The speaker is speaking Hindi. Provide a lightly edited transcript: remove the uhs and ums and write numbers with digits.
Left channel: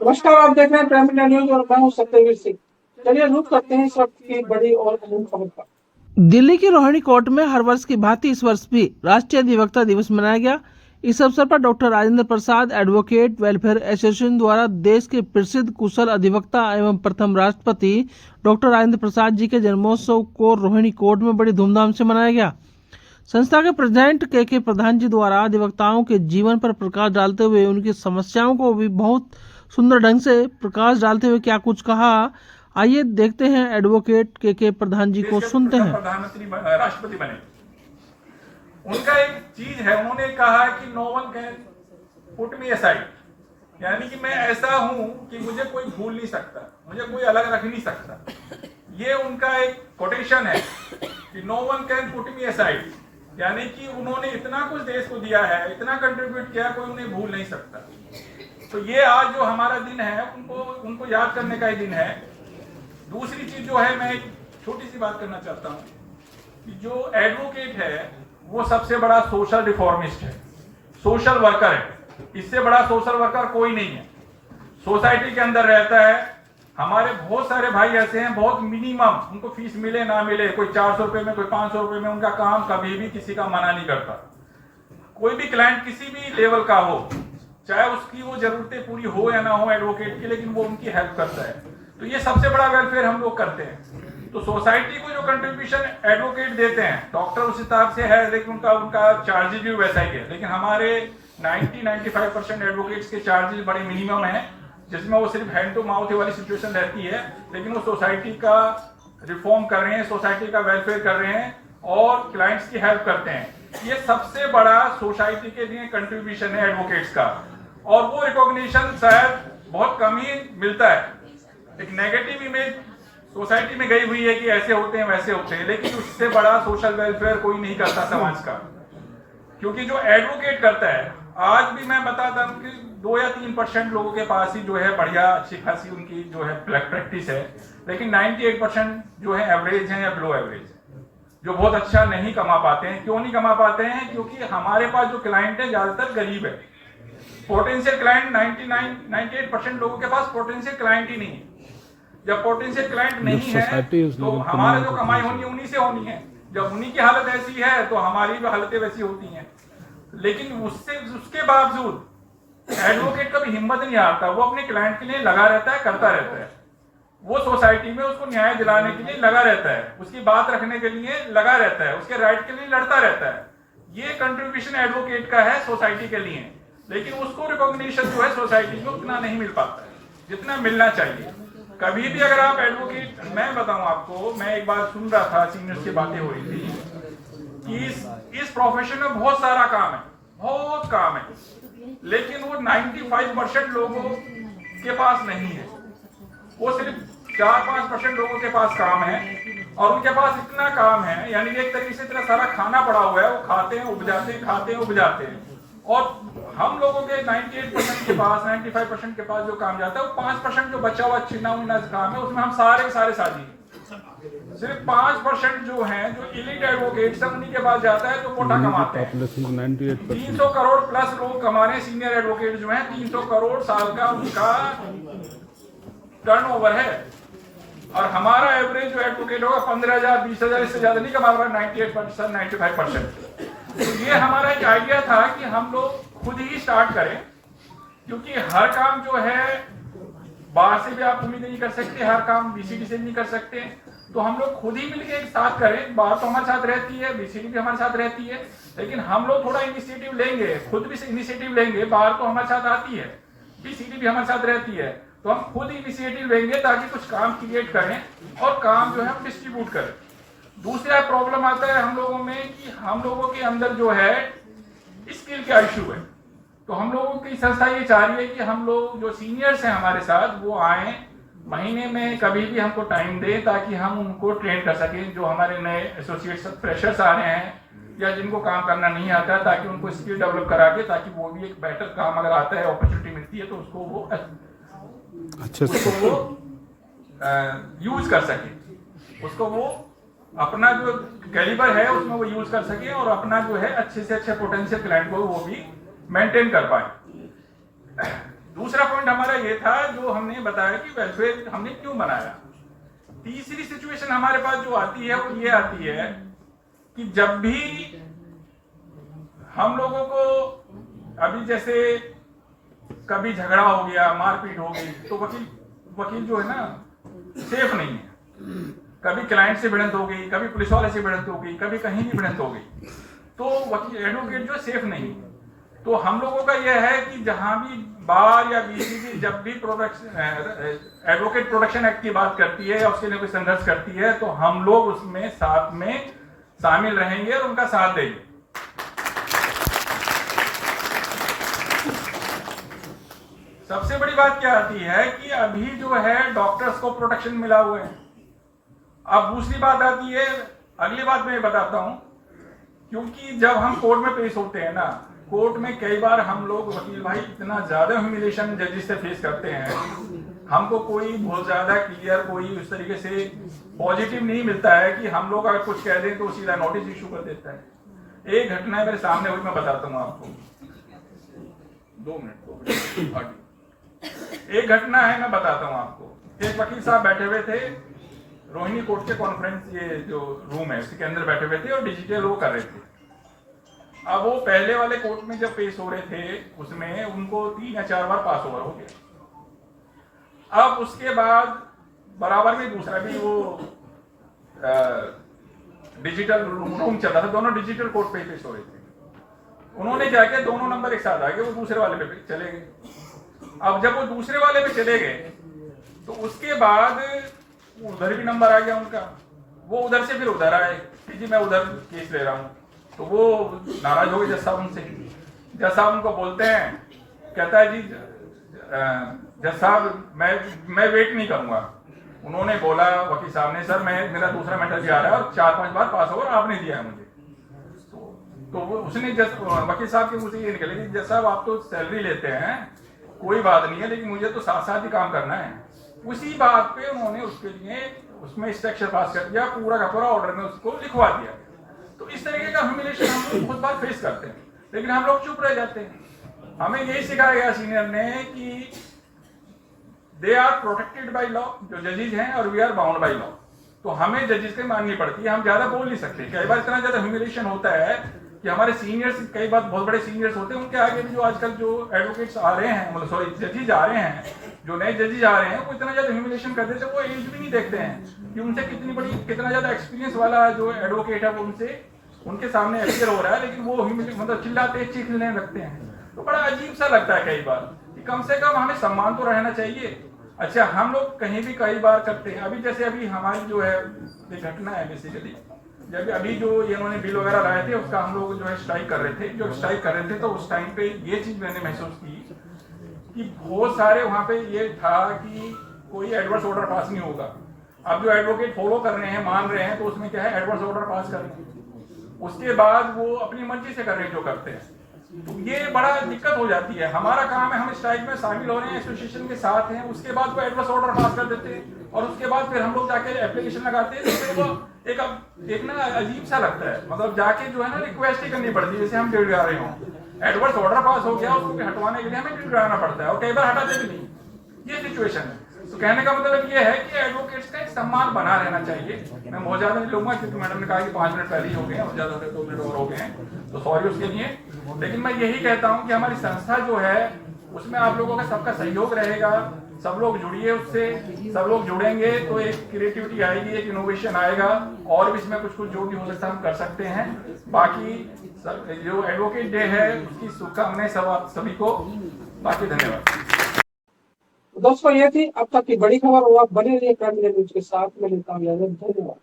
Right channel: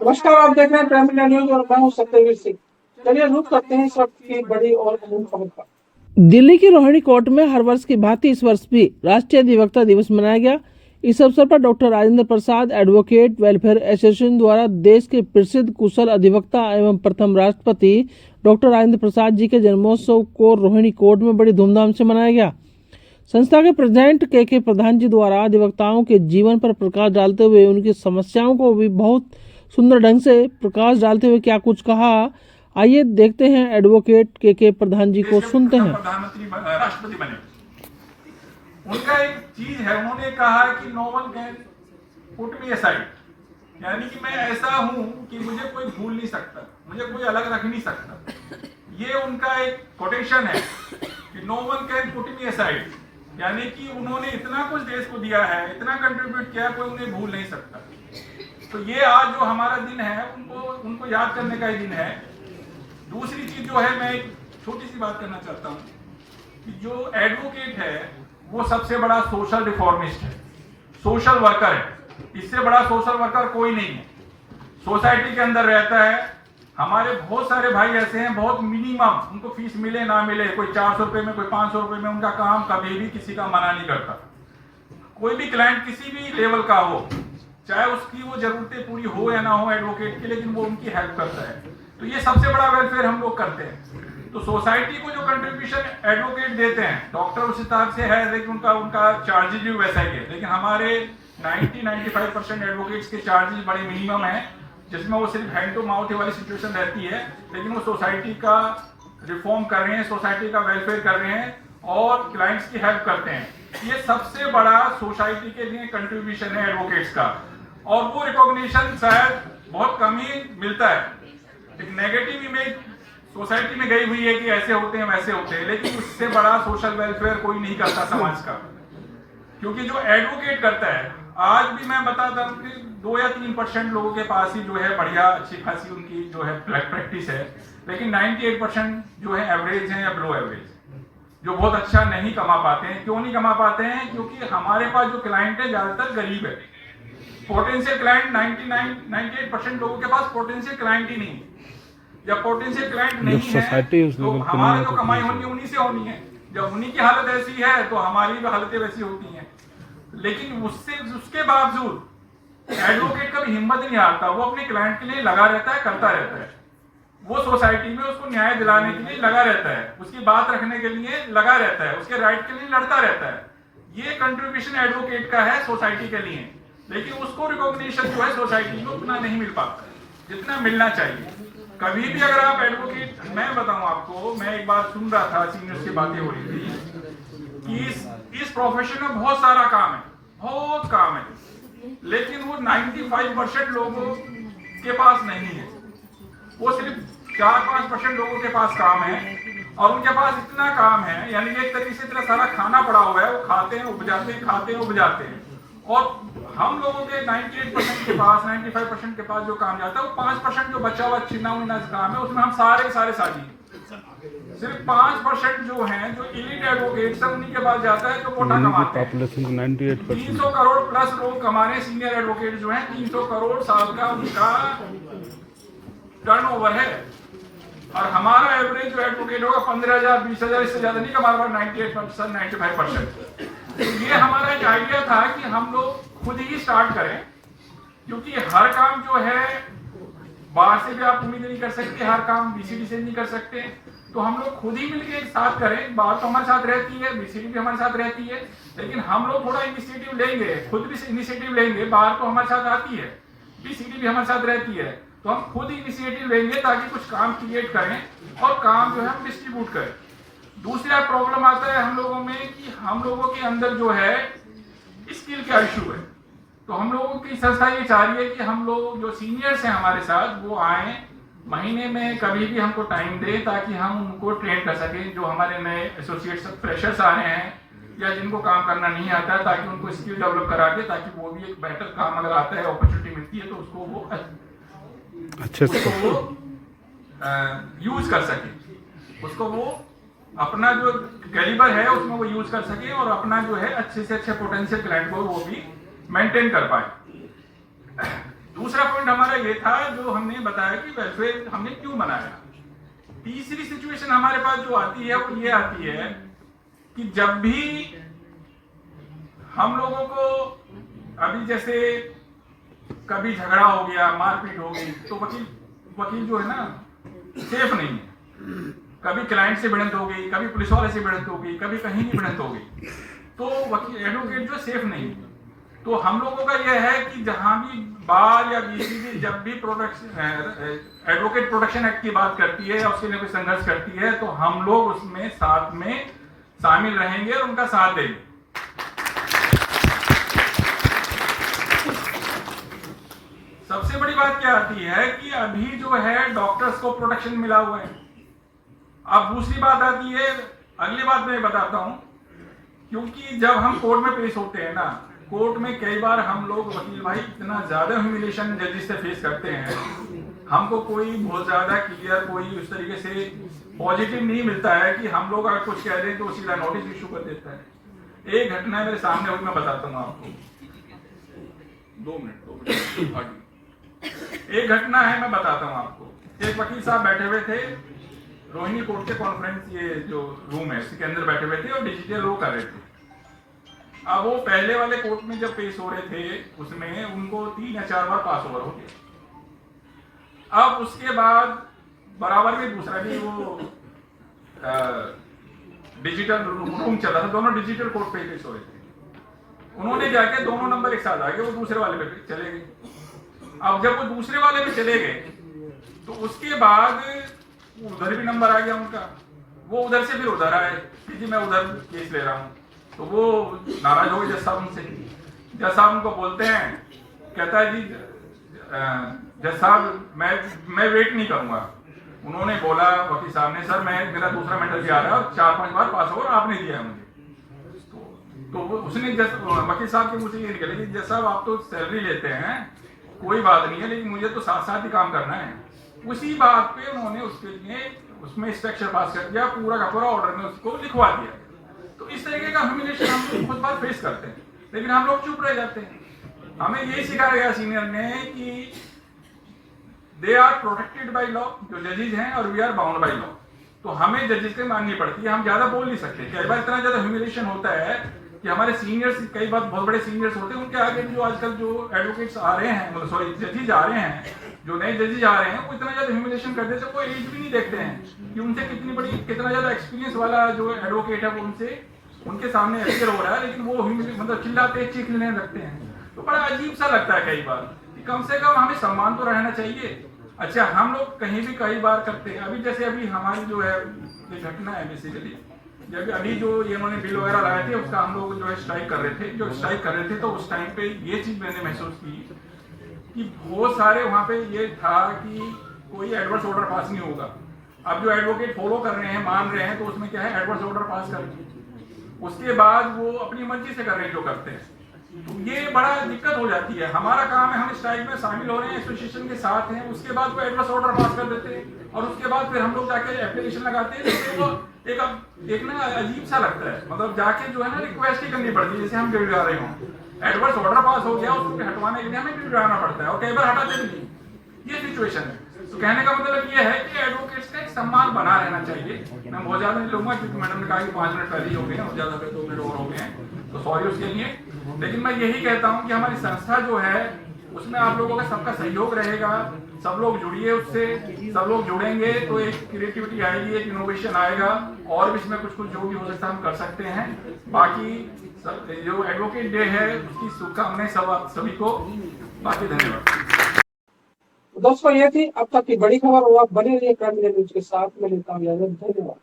नमस्कार, आप देख रहे हैं प्राइम इंडिया न्यूज और मैं हूं सत्यवीर सिंह। चलिए रुक करते हैं इस वक्त की बड़ी और अहम खबर पर। दिल्ली की रोहिणी कोर्ट में हर वर्ष की भांति इस वर्ष भी राष्ट्रीय अधिवक्ता दिवस मनाया गया। इस अवसर पर doctor Rajendra Prasad advocate welfare association द्वारा देश के प्रसिद्ध कुशल अधिवक्ता एवं प्रथम राष्ट्रपति डॉक्टर राजेंद्र प्रसाद जी के जन्मोत्सव को रोहिणी कोर्ट में बड़ी धूमधाम से मनाया गया। संस्था के प्रेसिडेंट के प्रधान जी द्वारा अधिवक्ताओं के जीवन पर प्रकाश डालते हुए उनकी समस्याओं को भी बहुत सुंदर ढंग से प्रकाश डालते हुए क्या कुछ कहा, आइए देखते हैं। एडवोकेट के प्रधान जी को सुनते हैं। प्रधानमंत्री राष्ट्रपति बने, उनका एक चीज है, उन्होंने कहा कि no one can put me aside, यानी कि मैं ऐसा हूं कि मुझे कोई भूल नहीं सकता, मुझे कोई अलग रख नहीं सकता। ये उनका एक कोटेशन है कि no one can put me aside, यानी कि उन्होंने इतना कुछ देश को दिया है, इतना कंट्रीब्यूट किया, कोई उन्हें भूल नहीं सकता। तो ये आज जो हमारा दिन है, उनको याद करने का ही दिन है। दूसरी चीज जो है, मैं एक छोटी सी बात करना चाहता हूँ कि जो एडवोकेट है वो सबसे बड़ा सोशल रिफॉर्मिस्ट है, सोशल वर्कर है। इससे बड़ा सोशल वर्कर कोई नहीं है। सोसाइटी के अंदर रहता है। हमारे बहुत सारे भाई ऐसे हैं, बहुत मिनिमम, उनको फीस मिले ना मिले, कोई 400 रुपए में, कोई 500 रुपए में, उनका काम कभी भी किसी का मना नहीं करता। कोई भी क्लाइंट किसी भी लेवल का हो, चाहे उसकी वो जरूरतें पूरी हो या ना हो एडवोकेट की, लेकिन वो उनकी हेल्प करता है। तो ये सबसे बड़ा वेलफेयर हम लोग करते हैं। तो सोसाइटी को जो कंट्रीब्यूशन एडवोकेट देते हैं, डॉक्टर उस हिसाब से है, लेकिन उनका चार्जेज भी वैसा ही है। लेकिन हमारे 90-95% एडवोकेट्स के चार्जेस बड़े मिनिमम है, जिसमें वो सिर्फ हैंड टू माउथ वाली सिचुएशन रहती है, लेकिन वो सोसाइटी का रिफॉर्म कर रहे हैं, सोसाइटी का वेलफेयर कर रहे हैं और क्लाइंट्स की हेल्प करते हैं। ये सबसे बड़ा सोसाइटी के लिए कंट्रीब्यूशन है एडवोकेट्स का, और वो रिकॉग्निशन शायद बहुत कम ही मिलता है। एक नेगेटिव इमेज सोसाइटी में गई हुई है कि ऐसे होते हैं वैसे होते हैं, लेकिन उससे बड़ा सोशल वेलफेयर कोई नहीं करता समाज का। क्योंकि जो एडवोकेट करता है, आज भी मैं बताता हूं कि 2 या 3% लोगों के पास ही जो है बढ़िया अच्छी खासी उनकी जो है प्रैक्टिस है, लेकिन 98% जो है एवरेज है या बिलो एवरेज, जो बहुत अच्छा नहीं कमा पाते हैं। क्यों नहीं कमा पाते हैं? क्योंकि हमारे पास जो क्लाइंट है ज्यादातर गरीब है। पोटेंशियल क्लाइंट 98% लोगों के पास पोटेंशियल क्लाइंट ही नहीं है। जब पोटेंशियल क्लाइंट नहीं है तो हमारा जो कमाई होनी है उन्हीं से होनी है। जब उन्हीं की हालत ऐसी है तो हमारी भी हालतें वैसी होती हैं। लेकिन उसके बावजूद एडवोकेट का भी हिम्मत नहीं आता, वो अपने क्लाइंट के लिए लगा रहता है, करता रहता है। वो सोसाइटी में उसको न्याय दिलाने के लिए लगा रहता है, उसकी बात रखने के लिए लगा रहता है, उसके राइट के लिए लड़ता रहता है। ये कंट्रीब्यूशन एडवोकेट का है सोसाइटी के लिए, लेकिन उसको रिकॉग्निशन जो है सोसाइटी में उतना नहीं मिल पाता है जितना मिलना चाहिए। कभी भी अगर आप एडवोकेट, मैं बताऊं आपको, मैं एक बार सुन रहा था, सीनियर्स की बातें हो रही थी कि इस प्रोफेशन में बहुत सारा काम है, बहुत काम है, लेकिन वो 95% लोगों के पास नहीं है। वो सिर्फ 4-5% लोगों के पास काम है, और उनके पास इतना काम है, यानी एक तरीके से इतना सारा खाना पड़ा हुआ है, वो खाते हैं उपजाते हैं, खाते हैं उपजाते हैं। और हम लोगों के 98% के पास, 95% के पास जो काम जाता है, वो 5% जो बचा हुआ छिना हुआ काम है, उसमें हम सारे साझी हैं। सिर्फ 5% जो हैं, जो इलीट एडवोकेट्स हैं, उन्हीं के पास जाता है, जो कोटा कमाते हैं। 300 करोड़ प्लस लोग कमा रहे हैं। सीनियर एडवोकेट जो हैं, 300 करोड़ साल का उनका टर्नओवर है, और हमारा एवरेज जो एडवोकेट होगा 15,000 20,000, इससे ज्यादा नहीं कमा रहा। 98% 95%। तो ये हमारा एक आइडिया था कि हम लोग खुद ही स्टार्ट करें, क्योंकि हर काम जो है बाहर से भी आप उम्मीद नहीं कर सकते, हर काम बीसीडी से नहीं कर सकते। तो हम लोग खुद ही मिलकर एक साथ करें। बाहर तो हमारे साथ रहती है, बीसीडी भी हमारे साथ रहती है, लेकिन हम लोग थोड़ा इनिशिएटिव लेंगे, खुद भी इनिशिएटिव लेंगे। बाहर तो हमारे साथ आती है, बीसीडी भी हमारे साथ रहती है, तो हम खुद इनिशिएटिव लेंगे ताकि कुछ काम क्रिएट करें और काम जो है हम डिस्ट्रीब्यूट करें। दूसरा प्रॉब्लम आता है हम लोगों में कि हम लोगों के अंदर जो है स्किल का इशू है। तो हम लोगों की संस्था ये चाह रही है कि हम लोग जो सीनियर्स हैं हमारे साथ, वो आए, महीने में कभी भी हमको टाइम दें, ताकि हम उनको ट्रेन कर सकें। जो हमारे नए एसोसिएट्स फ्रेशर्स आ रहे हैं या जिनको काम करना नहीं आता, ताकि उनको स्किल डेवलप करा के, ताकि वो भी एक बेहतर काम अगर आता है, अपॉर्चुनिटी मिलती है, तो उसको वो अच्छे से यूज कर सके, उसको वो अपना जो कैलिबर है उसमें वो यूज कर सके, और अपना जो है अच्छे से अच्छे पोटेंशियल क्लाइंट को वो भी मेंटेन कर पाए। दूसरा पॉइंट हमारा ये था जो हमने बताया कि वेलफेयर हमने क्यों बनाया। तीसरी सिचुएशन हमारे पास जो आती है वो ये आती है कि जब भी हम लोगों को अभी जैसे कभी झगड़ा हो गया, मारपीट हो गई, तो वकील जो है ना सेफ नहीं है। कभी क्लाइंट से भिड़ंत हो गई, कभी पुलिस वाले से भिड़ंत हो गई, कभी कहीं भी भिड़ंत हो गई, तो वकील एडवोकेट जो सेफ नहीं है। तो हम लोगों का यह है कि जहां भी बार या बीसीबी जब भी एडवोकेट प्रोटेक्शन एक्ट की बात करती है या उसके लिए कोई संघर्ष करती है, तो हम लोग उसमें साथ में शामिल रहेंगे और उनका साथ देंगे। सबसे बड़ी बात क्या आती है कि अभी जो है डॉक्टर्स को प्रोटेक्शन मिला हुआ है। अब दूसरी बात आती है, अगली बात मैं बताता हूं, क्योंकि जब हम कोर्ट में पेश होते हैं ना, कोर्ट में कई बार हम लोग वकील भाई इतना ज्यादा ह्यूमिलिएशन जजेस से फेस करते हैं, हमको कोई बहुत ज्यादा क्लियर कोई उस तरीके से पॉजिटिव नहीं मिलता है कि हम लोग अगर कुछ कह दें तो सीधा नोटिस इशू कर देता है। एक घटना मेरे सामने हुई, मैं बताता हूँ आपको। 2 मिनट। एक घटना है, मैं बताता हूँ आपको। एक वकील साहब बैठे हुए थे रोहिणी कोर्ट के कॉन्फ्रेंस, ये जो रूम है उसी के अंदर बैठे हुए थे और डिजिटल वो कर रहे थे। अब वो पहले वाले कोर्ट में जब पेश हो रहे थे उसमें उनको 3 या 4 बार पास ओवर हो गया। अब उसके बाद बराबर में दूसरा भी वो डिजिटल रूम चल रहा था, दोनों डिजिटल कोर्ट पे पेश हो रहे थे। उन्होंने क्या किया, दोनों नंबर एक साथ आ गए, वो दूसरे वाले पे चले गए। अब जब वो दूसरे वाले पे चले गए तो उसके बाद उधर भी नंबर आ गया उनका, वो उधर से फिर उधर आए कि जी मैं उधर केस ले रहा हूँ। तो वो नाराज हो गए जज साहब उनसे। जज साहब उनको बोलते हैं, कहता है जी जज साहब मैं वेट नहीं करूंगा। उन्होंने बोला वकील साहब ने, सर मेरा दूसरा मैटर भी आ रहा है और 4-5 बार पास ओवर आपने दिया है मुझे। तो वो उसने वकील साहब के मुझे ये निकले कि जज साहब आप तो सैलरी लेते हैं, कोई बात नहीं है, लेकिन मुझे तो साथ साथ ही काम करना है। उसी बात पे उन्होंने उसके लिए उसमें स्ट्रक्चर पास कर दिया, पूरा का पूरा ऑर्डर में उसको लिखवा दिया। तो इस तरीके का ह्यूमिलिएशन हम लोग बहुत बार फेस करते हैं, लेकिन हम लोग चुप रह जाते हैं। हमें यही सिखाया गया सीनियर ने कि they are protected by law, जो जजेज हैं, और we are bound by law. तो हमें जजेस की माननी पड़ती है, हम ज्यादा बोल नहीं सकते। कई बार इतना ज्यादा ह्यूमिलिएशन होता है कि हमारे सीनियर्स, कई बार बहुत बड़े सीनियर्स होते हैं, उनके आगे जो आजकल जो एडवोकेट्स आ रहे हैं, मतलब सॉरी जजेज आ रहे हैं, जो नए जजेज आ रहे हैं, वो इतना ज्यादा ह्यूमिलिएशन कर देते हैं, वो एज भी नहीं देखते हैं कि उनसे कितना ज्यादा एक्सपीरियंस वाला जो एडवोकेट है वो उनके सामने अपियर हो रहा है, लेकिन वो मतलब चिल्लाते चीखने लगते हैं। तो बड़ा अजीब सा लगता है कई बार कि कम से कम हमें सम्मान तो रहना चाहिए। अच्छा, हम लोग कहीं भी कई बार करते हैं। अभी जैसे अभी हमारी जो है ये घटना है, बेसिकली जब अभी जो इन्होंने बिल वगैरह लाए थे उसका हम लोग जो है स्ट्राइक कर रहे थे, तो उस टाइम पे ये चीज मैंने महसूस की कि बहुत सारे वहां पे ये था कि कोई एडवर्स ऑर्डर पास नहीं होगा। अब जो एडवोकेट फॉलो कर रहे हैं, मान रहे हैं, तो उसमें क्या है, एडवर्स ऑर्डर पास कर रहे हैं, उसके बाद वो अपनी मर्जी से कर रहे हैं जो करते हैं। तो ये बड़ा दिक्कत हो जाती है। हमारा काम है, हम स्ट्राइक में शामिल हो रहे हैं, एसोसिएशन के साथ हैं, उसके बाद वो एडवर्स ऑर्डर पास कर देते हैं और उसके बाद फिर हम लोग जाके एप्लीकेशन लगाते हैं। तो फिर वो एक ना अजीब सा लगता है, मतलब जाके जो है ना रिक्वेस्ट ही करनी पड़ती है, जैसे हम गिड़गिड़ा रहे हों। एडवर्स ऑर्डर पास हो गया, उसको हटवाने के लिए हमें गिड़गिड़ाना पड़ता है और कई बार हटाते भी नहीं। ये सिचुएशन है। तो कहने का मतलब ये है कि एडवोकेट्स का एक सम्मान बना रहना चाहिए। मैं बहुत ज्यादा नहीं लूंगा क्योंकि मैडम ने कहा कि 5 मिनट पहले ही हो गए हैं, ज्यादा 2 मिनट और हो गए हैं, तो सॉरी उसके लिए। लेकिन मैं यही कहता हूं कि हमारी संस्था जो है उसमें आप लोगों का सबका सहयोग रहेगा, सब लोग जुड़िए उससे, सब लोग जुड़ेंगे तो एक क्रिएटिविटी आएगी, एक इनोवेशन आएगा और भी इसमें कुछ जो भी हो सकता है हम कर सकते हैं। बाकी जो एडवोकेट डे है उसकी शुभकामनाएं सभी को। बाकी धन्यवाद। दोस्तों ये थी अब तक की बड़ी खबर और आप बने रहिए प्राइम मीडिया न्यूज के साथ। मैं लेता हूं इजाजत। धन्यवाद।